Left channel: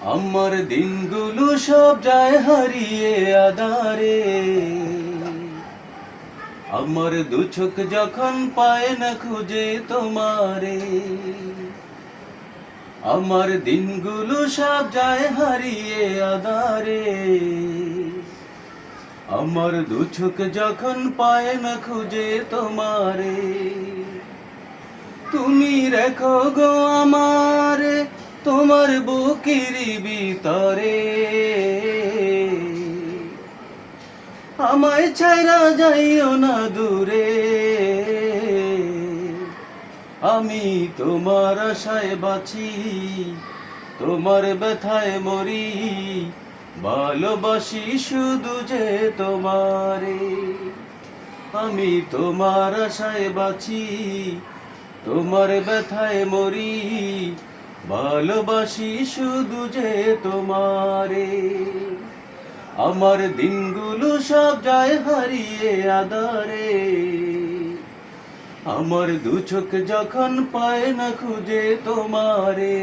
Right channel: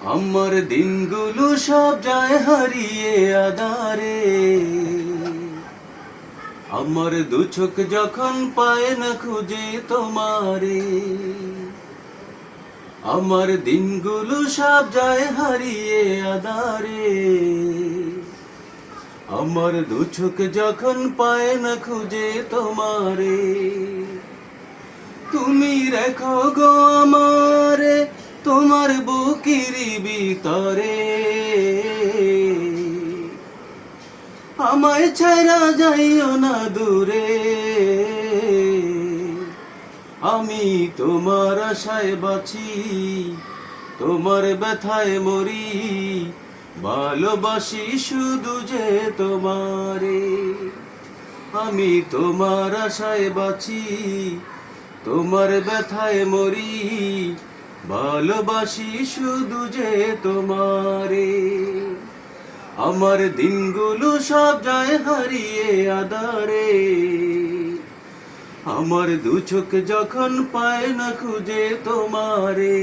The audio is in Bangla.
আমার দিনগুলো সব যায় হারিয়ে আধারে, আমার দু চোখ যখন পায় না খুঁজে তোমারে। আমার দিনগুলো সব যায় হারিয়ে আধারে, আমার দু চোখ যখন পায় না খুঁজে তোমারে। তুমি রেখো গো আমারে তোমার বুকের ভিতরে, আমায় ছাইরা যাইও না দূরে। আমি তোমার আশায় বাঁচি, তোমার ব্যথায় মরি, ভালোবাসি শুধু যে তোমারে। আমি তোমার আশায় বাঁচি, তোমার ব্যথায় মরি, ভালোবাসি শুধু যে তোমারে। আমার দিনগুলো সব যায় হারিয়ে আধারে, আমার দু চোখ যখন পায় না খুঁজে তোমারে।